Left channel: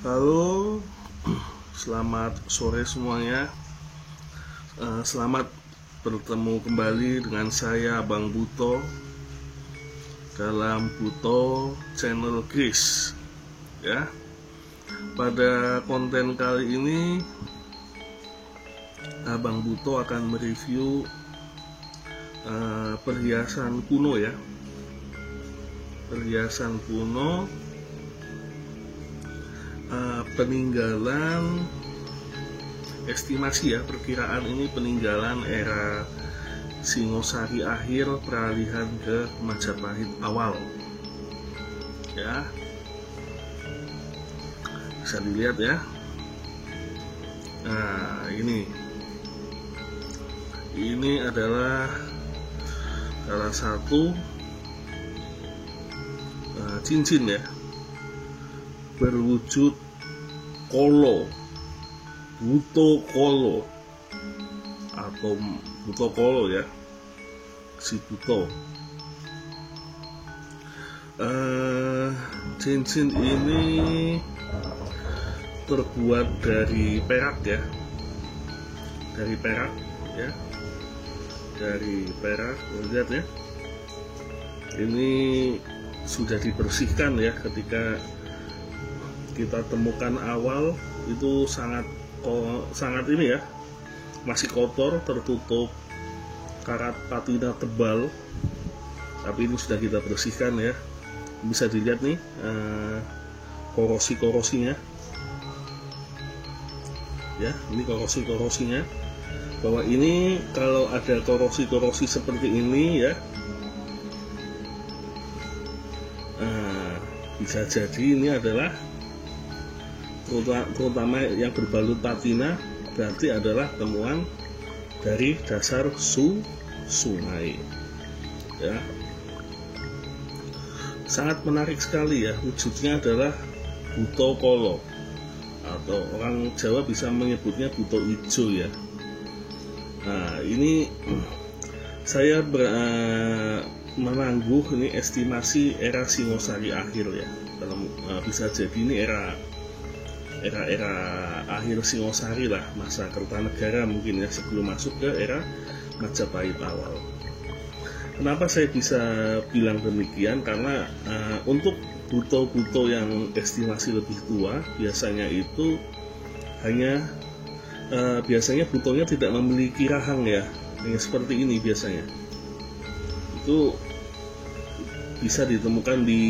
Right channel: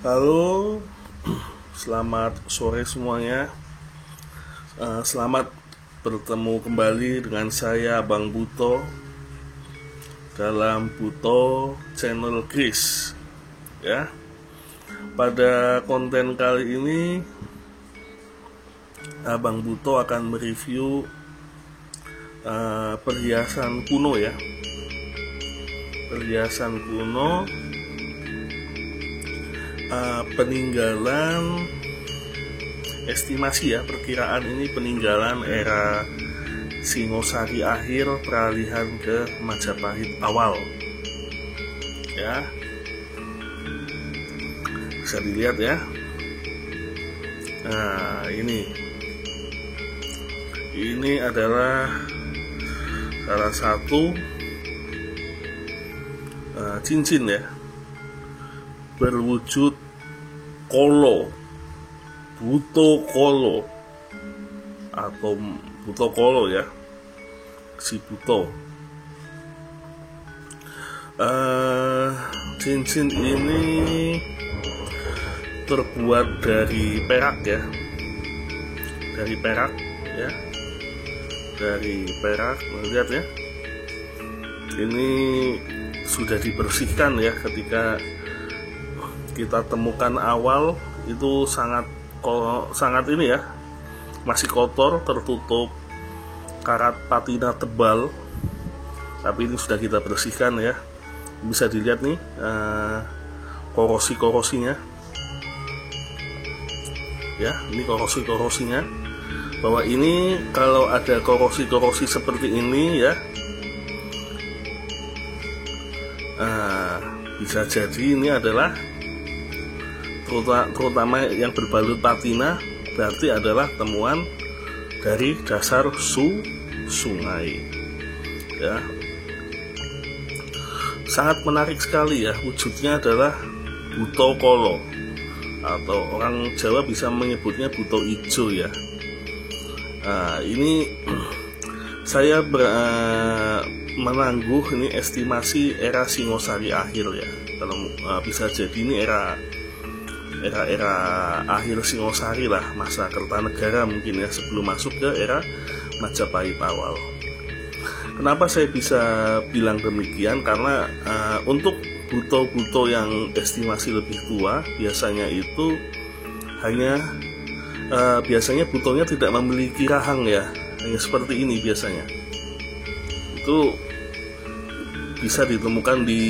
Halo, selamat sore semuanya. Selamat bertemu kembali dengan saya Bang Buto dalam Buto Channel Chris. Ya, pada konten kali ini Bang Buto akan mereview perhiasan kuno ya. Perhiasan kuno peninggalan, estimasi ya, perkiraan ini peninggalan era Singosari akhir, peralihan ke Majapahit awal ya. Bisa dilihat ya. Nah, ini adalah salah satu cincin ya, berwujud kolo, buto kolo atau buto kolo ya, si buto. Cincin ini terbuat dari perak ya, dari perak ya, dari perak. Lihat ya, ini sudah dibersihkan ya. Ketika kita temukan awal itu sangat ini ya, masih kotor, tertutup karat patina tebal, tapi ini sudah kita bersihkan ya. Bisa dilihat nih korosi-korosinya ya, ini korosi-korosinya, bahwa ini kalau ada korosi-korosi seperti ini ya, bisa jadi ini adalah terutama yang berbalut patina, berarti adalah temuan dari dasar sungai ya. Sangat menarik sekali ya, wujudnya adalah buto kolo, atau orang Jawa bisa menyebutnya buto ijo ya. Nah, ini saya menangguh ini estimasi era Singosari akhir ya. Kalau bisa jadi ini era akhir Singosari lah, masa Kertanegara mungkin ya, sebelum masuk ke era Majapahit awal. Kenapa saya bisa bilang demikian? Karena untuk buto-buto yang estimasi lebih tua, biasanya itu biasanya butonya tidak memiliki rahang ya, hanya seperti ini biasanya. Itu bisa ditemukan di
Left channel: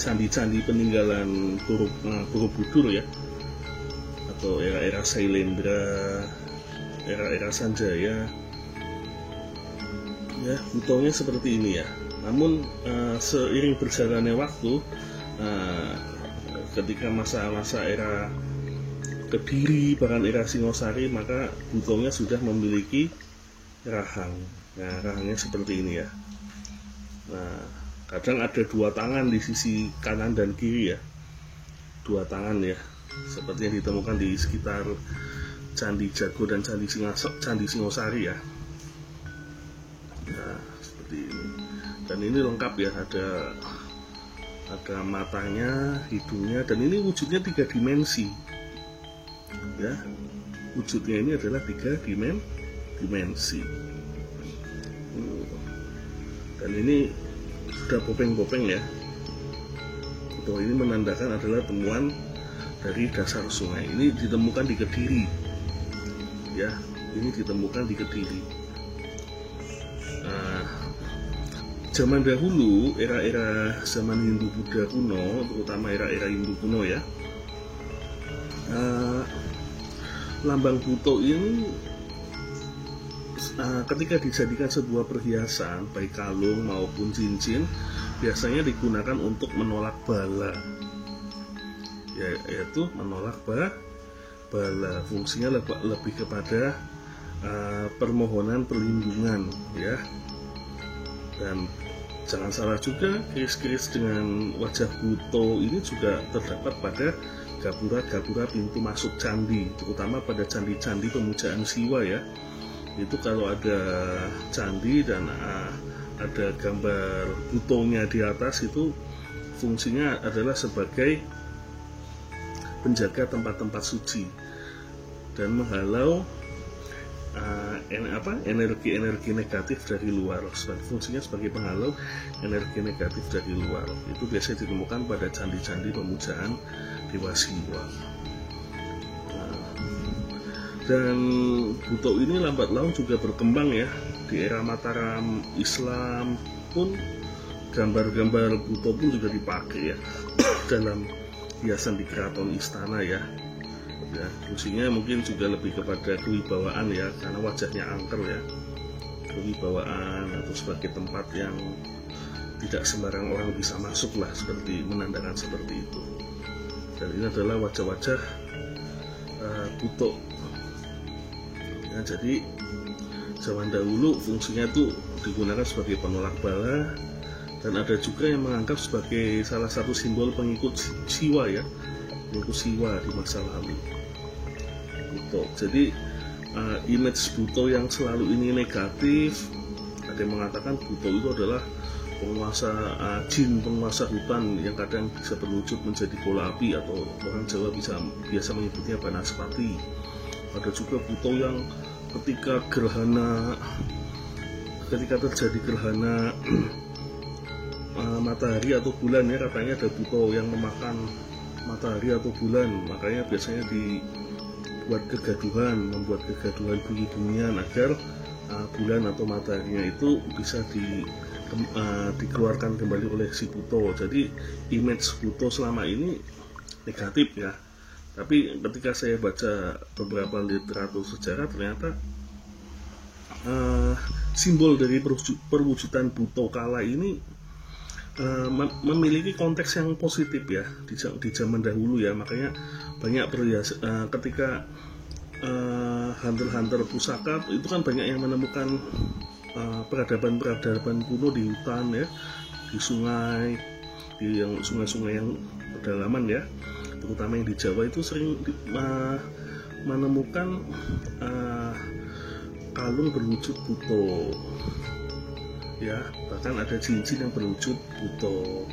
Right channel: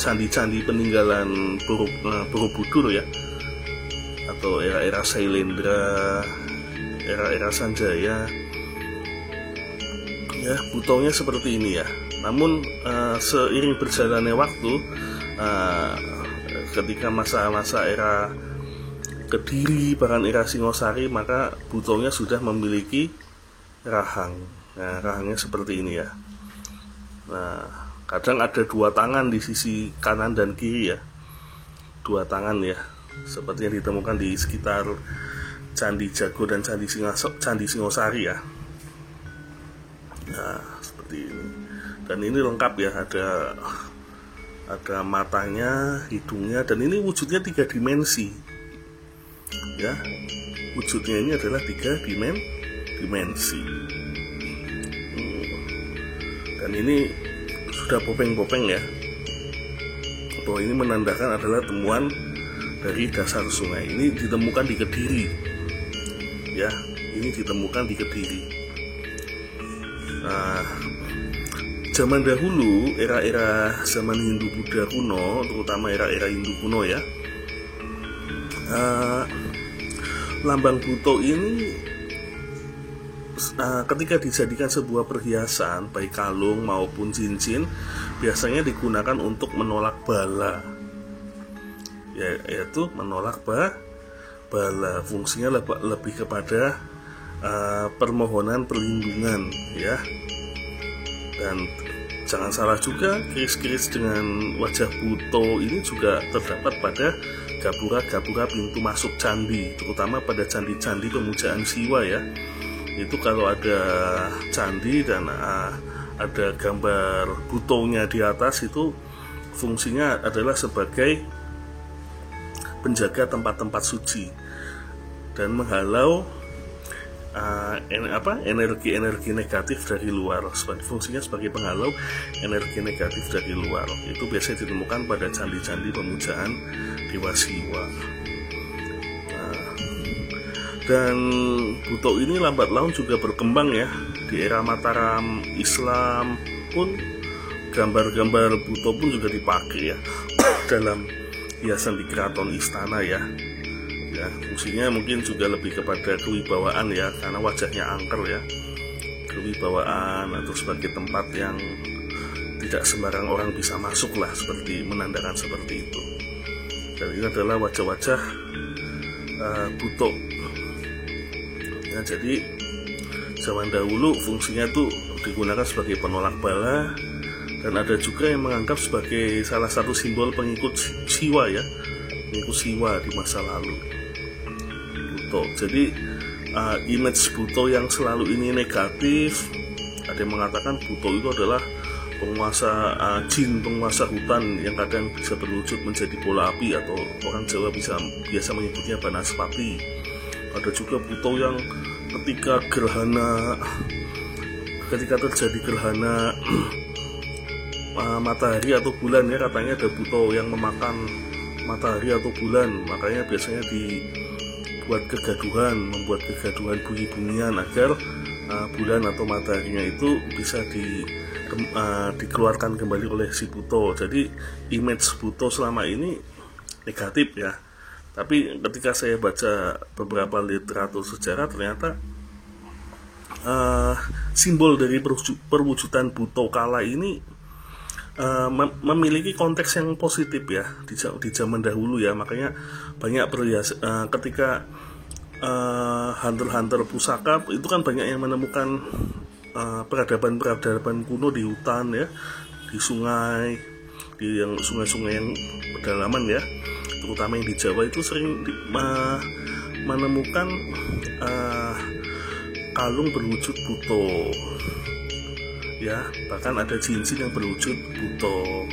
candi-candi peninggalan Borobudur ya, atau era Sailendra, era Sanjaya ya, butonya seperti ini ya. Namun seiring berjalannya waktu, ketika masa-masa era Kediri, bahkan era Singosari, maka butonya sudah memiliki rahang. Nah, rahangnya seperti ini ya. Nah, kadang ada dua tangan di sisi kanan dan kiri ya, dua tangan ya, seperti yang ditemukan di sekitar Candi Jago dan Candi Singosari ya. Nah, seperti ini. Dan ini lengkap ya, ada matanya, hidungnya, dan ini wujudnya 3 dimensi ya. Wujudnya ini adalah 3 dimensi. Dan ini sudah bopeng-bopeng ya, bahwa ini menandakan adalah temuan dari dasar sungai. Ini ditemukan di Kediri ya, ini ditemukan di Kediri. Nah, zaman dahulu, era zaman Hindu Buddha kuno, terutama era Hindu kuno ya, lambang buto ini ketika dijadikan sebuah perhiasan, baik kalung maupun cincin, biasanya digunakan untuk menolak bala ya, yaitu menolak bala. Fungsinya lebih kepada permohonan perlindungan ya. Dan jangan salah juga, keris-keris dengan wajah buto ini juga terdapat pada gapura-gapura pintu masuk candi, terutama pada candi-candi pemujaan Siwa ya. Itu kalau ada candi dan ada gambar butonya di atas, itu fungsinya adalah sebagai penjaga tempat-tempat suci dan menghalau energi-energi negatif dari luar. Fungsinya sebagai penghalau energi negatif dari luar. Itu biasanya ditemukan pada candi-candi pemujaan dewa Siwa. Dan Buto ini lambat laun juga berkembang ya. Di era Mataram Islam pun gambar-gambar Buto pun juga dipakai ya dalam hiasan di keraton istana ya. Fungsinya mungkin juga lebih kepada kewibawaan ya, karena wajahnya angker ya, kewibawaan atau sebagai tempat yang tidak sembarang orang bisa masuk lah, seperti menandakan seperti itu. Dan ini adalah wajah-wajah Buto. Nah, jadi zaman dahulu fungsinya itu digunakan sebagai penolak bala, dan ada juga yang menganggap sebagai salah satu simbol pengikut Siwa ya, pengikut Siwa di masa lalu. Buto. Jadi image Buto yang selalu ini negatif. Ada yang mengatakan Buto itu adalah penguasa jin, penguasa hutan yang kadang bisa berwujud menjadi bola api, atau orang Jawa biasa menyebutnya Banaspati. Ada juga Buto yang ketika terjadi gerhana matahari atau bulan ya, katanya ada Buto yang memakan matahari atau bulan, makanya biasanya membuat kegaduhan bunyi-bunyian agar bulan atau mataharinya itu bisa dikeluarkan kembali oleh si Buto. Jadi image Buto selama ini negatif ya. Tapi ketika saya baca beberapa literatur sejarah, ternyata simbol dari perwujudan Buto kala ini memiliki konteks yang positif ya di zaman dahulu ya. Makanya banyak ketika hunter-hunter pusaka itu kan banyak yang menemukan peradaban kuno di hutan ya, di sungai, di sungai-sungai yang pedalaman ya, terutama yang di Jawa itu sering menemukan kalung berwujud Buto ya, bahkan ada cincin yang berwujud Buto.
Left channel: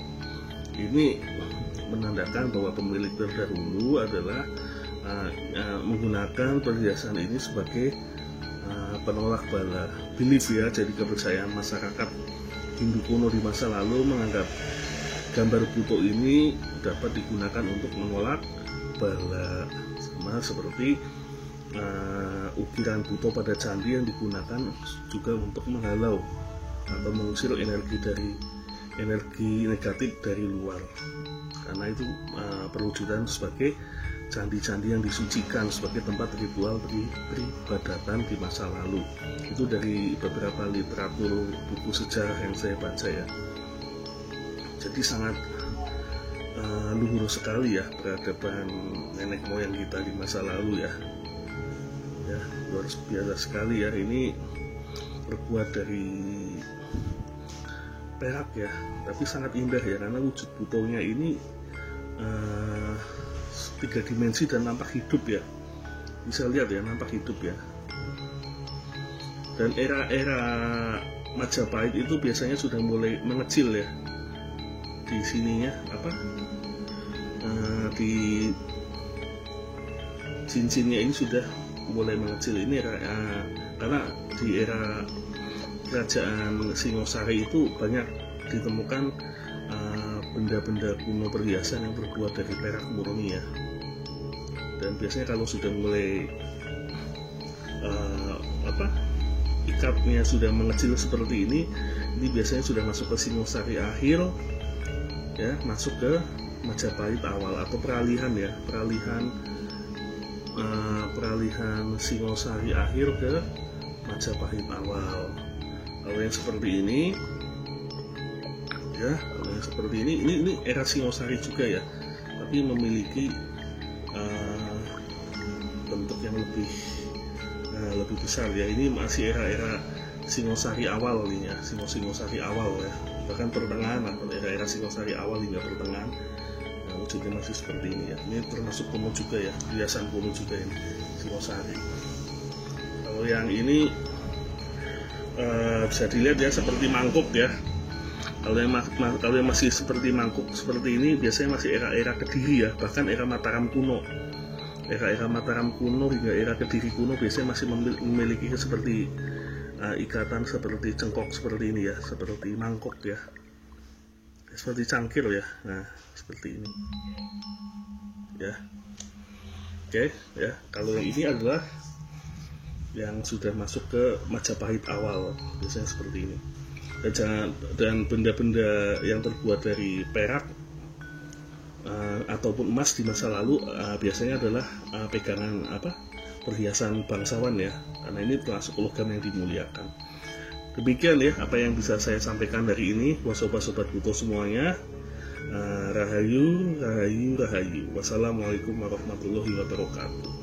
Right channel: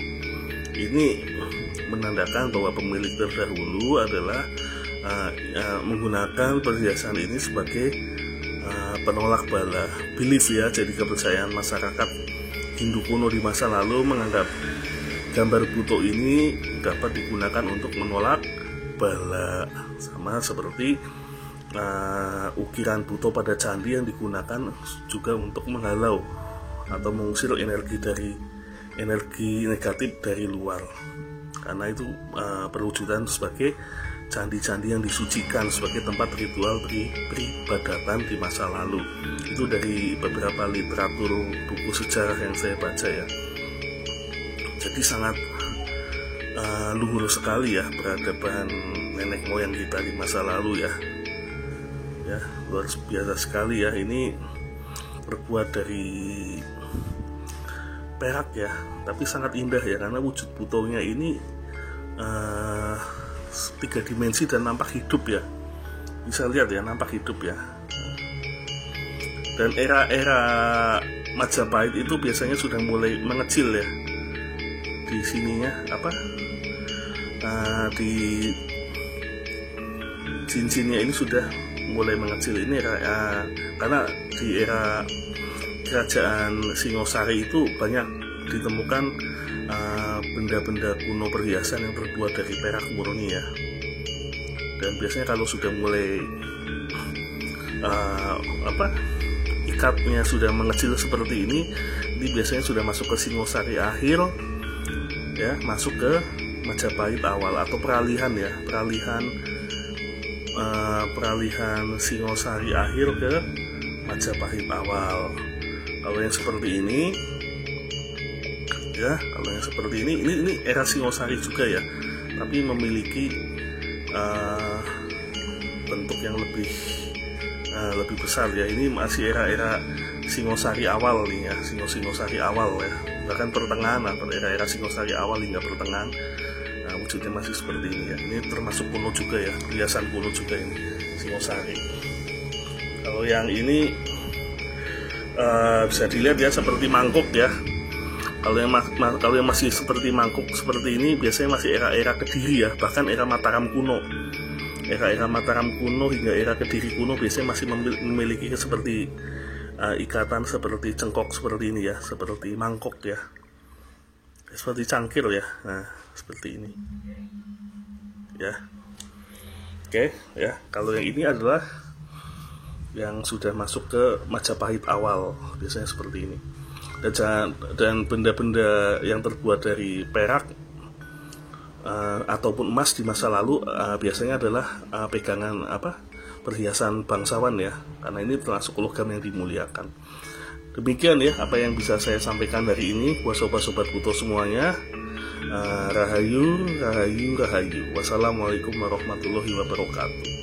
Ini menandakan bahwa pemilik terdahulu adalah menggunakan perhiasan ini sebagai penolak bala, belief ya. Jadi kepercayaan masyarakat Hindu kuno di masa lalu menganggap gambar Buto ini dapat digunakan untuk menolak bala, sama seperti ukiran Buto pada candi yang digunakan juga untuk menghalau atau mengusir energi negatif dari luar, karena itu perwujudan sebagai candi-candi yang disucikan sebagai tempat ritual peribadatan di masa lalu. Itu dari beberapa literatur buku sejarah yang saya baca ya. Jadi sangat luhur sekali ya peradaban nenek moyang kita di masa lalu ya. Ya, luar biasa sekali ya. Ini terbuat dari perak ya, tapi sangat indah ya, karena wujud Butonya ini 3 dimensi dan nampak hidup ya. Bisa lihat ya, nampak hidup ya. Dan era-era Majapahit itu biasanya sudah mulai mengecil ya. Di sininya di cincinnya ini sudah mulai mengecil. Ini karena di era Kerajaan Singosari itu banyak ditemukan benda-benda kuno perhiasan yang terbuat dari perak murni ya. Dan biasanya kalau sudah mulai ikatnya sudah mengecil seperti ini biasanya sudah masuk ke Singosari akhir ya, masuk ke Majapahit awal, atau peralihan Singosari akhir ke Majapahit awal. Kalau yang seperti ini ya, ini era Singosari juga ya, tapi memiliki bentuk yang lebih besar ya. Ini masih era Singosari awal nih ya, Singosari awal ya, bahkan pertengahan atau era Singosari awal hingga pertengahan. Wujudnya masih seperti ini ya. Ini termasuk kuno juga ya, hiasan kuno juga ini Singosari. Kalau yang ini bisa dilihat ya, seperti mangkuk ya. Kalau yang masih seperti mangkuk seperti ini biasanya masih era-era Kediri ya, bahkan era Mataram kuno. Era-era Mataram kuno hingga era Kediri kuno biasanya masih memiliki seperti ikatan seperti cengkok seperti ini ya, seperti mangkok ya, seperti cangkir ya. Nah, seperti ini ya. Oke ya, kalau yang ini adalah yang sudah masuk ke Majapahit awal, biasanya seperti ini. Dan benda-benda yang terbuat dari perak ataupun emas di masa lalu biasanya adalah pegangan perhiasan bangsawan ya, karena ini termasuk logam yang dimuliakan. Demikian ya apa yang bisa saya sampaikan dari ini buat sobat-sobat Buto semuanya. Rahayu, rahayu, rahayu. Wassalamualaikum warahmatullahi wabarakatuh.